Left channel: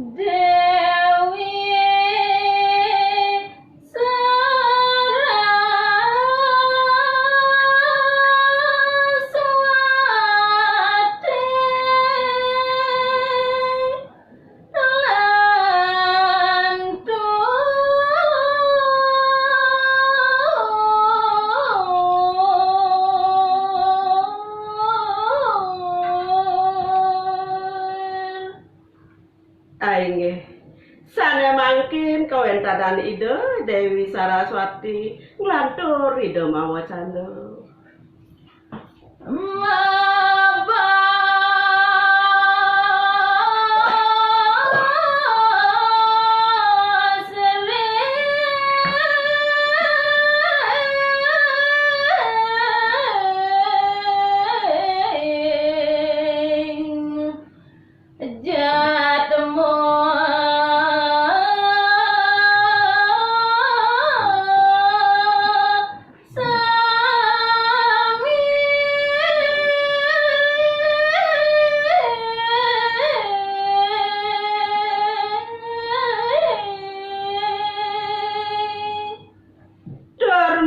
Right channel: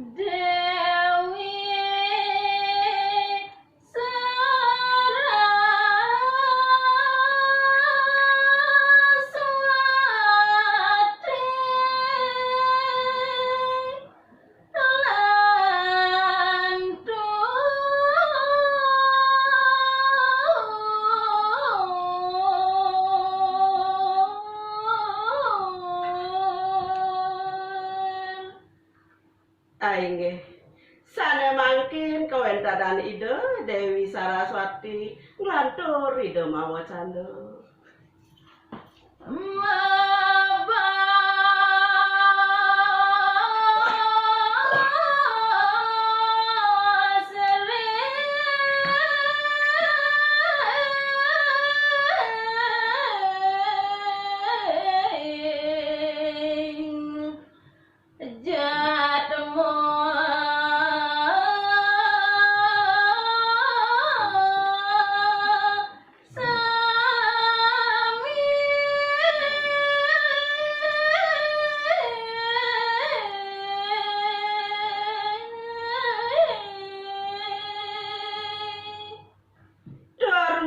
Dewi Saraswati lantur. Aing sana mangkin kawen tadan ide Dewi Saraswati nglantur ide mawacana.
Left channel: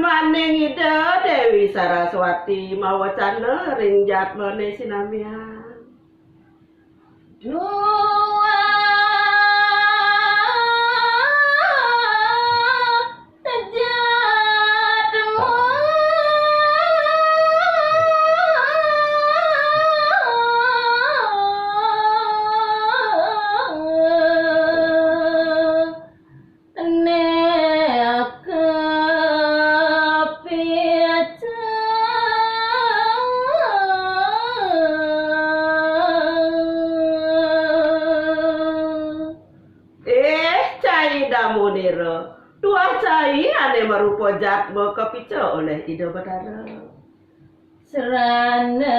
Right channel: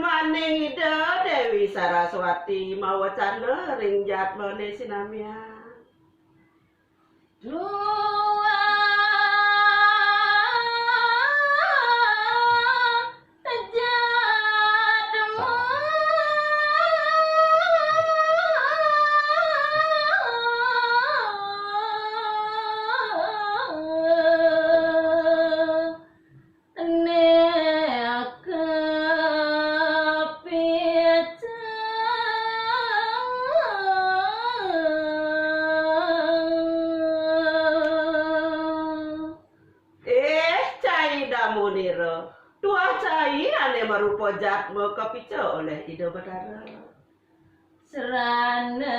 Maning ide Dewi Saraswati mawacana ring jatmane sinamian. Dua jatmu Muniro dua cai ane marupa jatme kepica oleh ide Batara. Serana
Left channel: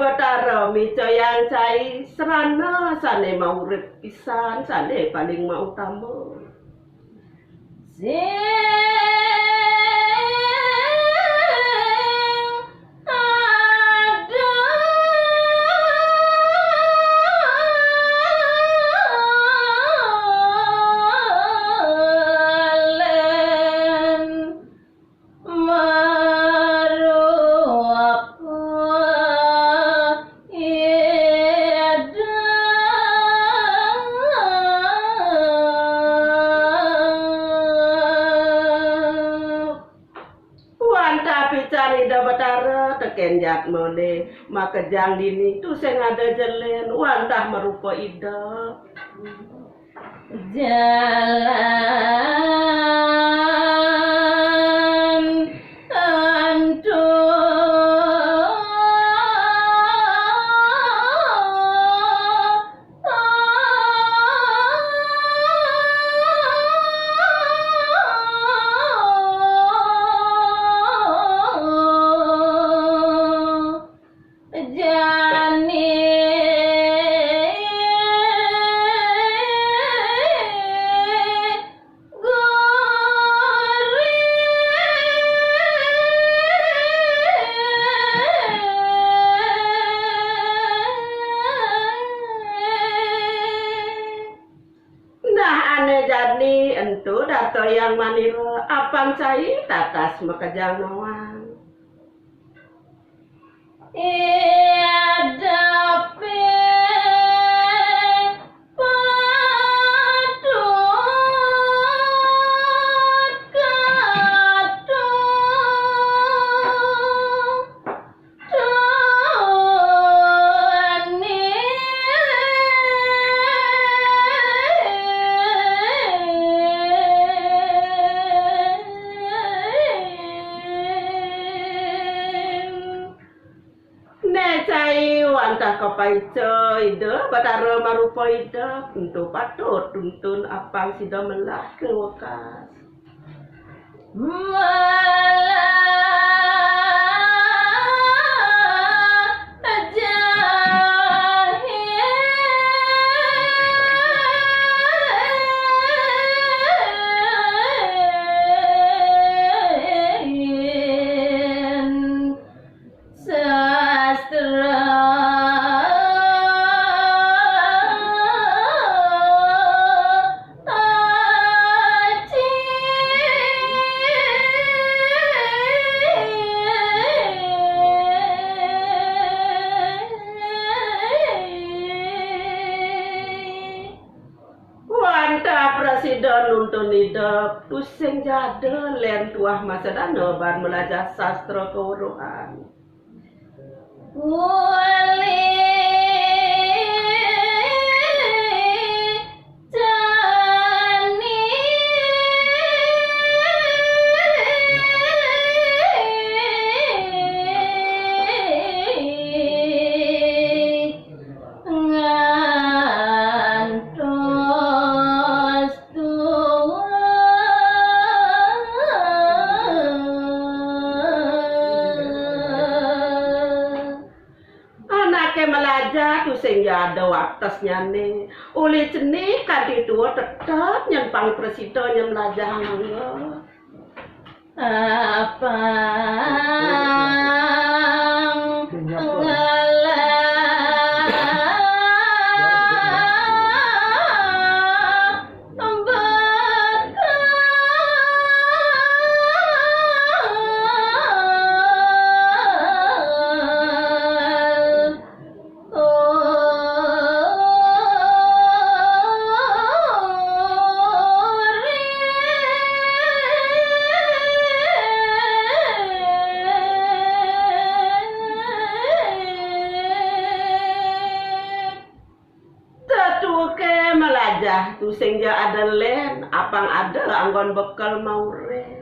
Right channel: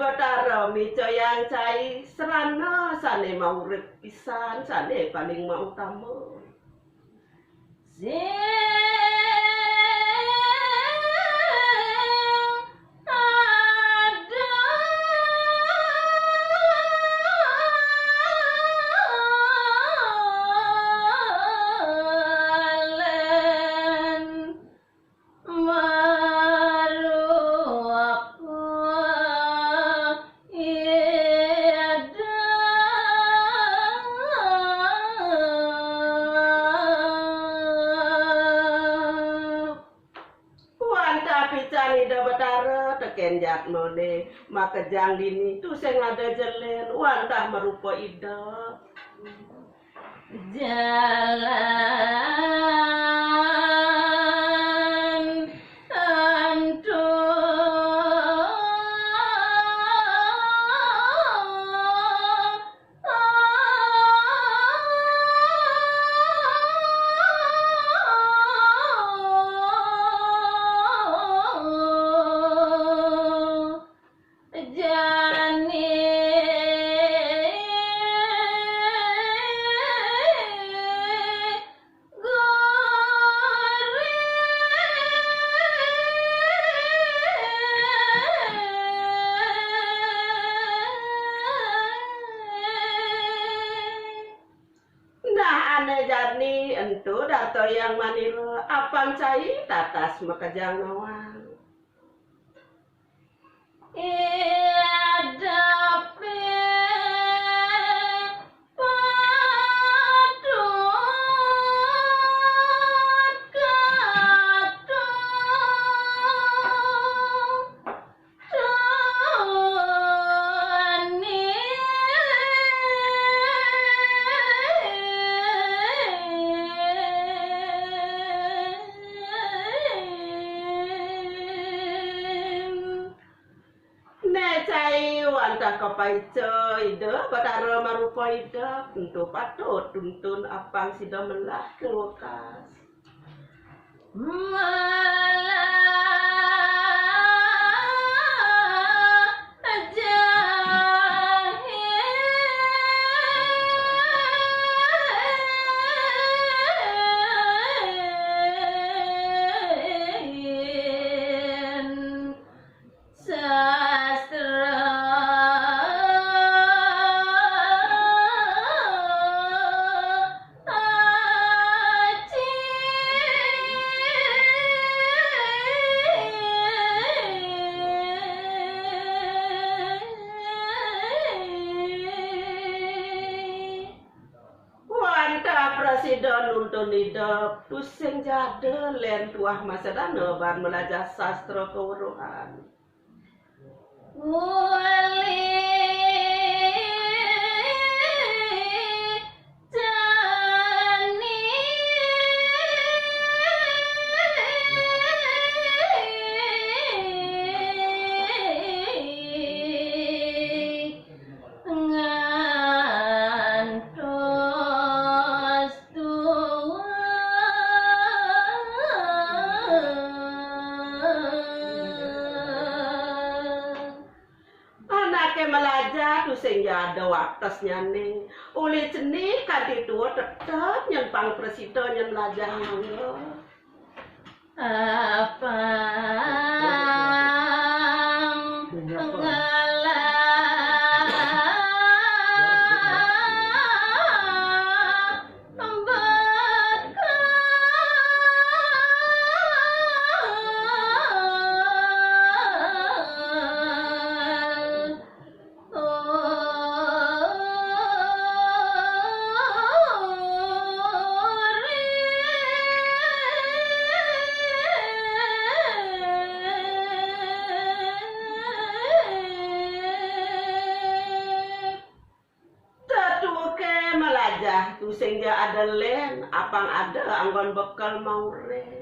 Batara mico yang cai serana sane mau urip pisan sane paling mau utama. Batara teken jatmone makejang dini tu sing ada jelen wantah merupa ida jalan antur. Jadi entu dato yang manila apang cai tatas makajang nawang. Wantah kapaica ida batara marupa ida tentu patut tuntun apang sida melah kewakas. Presiden nuntun hidup pusing jada len tuah masa dana bar belajar sastra kewuruhan. Melajar tu sehingga ada waktasnya nih. Oleh ceni kadi dua tetap yang pang presiden yang melajar mangga. Apa tu sehingga ada len apang ada anggon bekal mau re.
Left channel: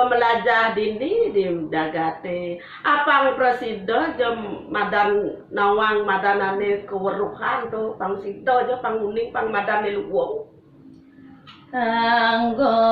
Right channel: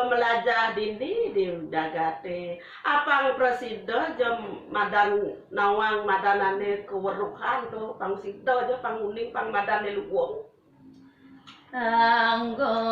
Melajah dini di dagate apang presiden jam madan nawang madanane keweruhan tu pang sida aja pang uning pang madane luwung anggon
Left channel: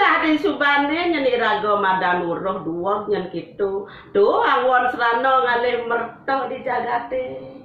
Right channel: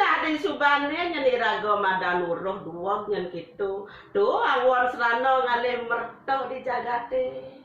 ngalih subane nyeni raga madanuruh dua nyen kitu do awon serana ngalih merto di jagate.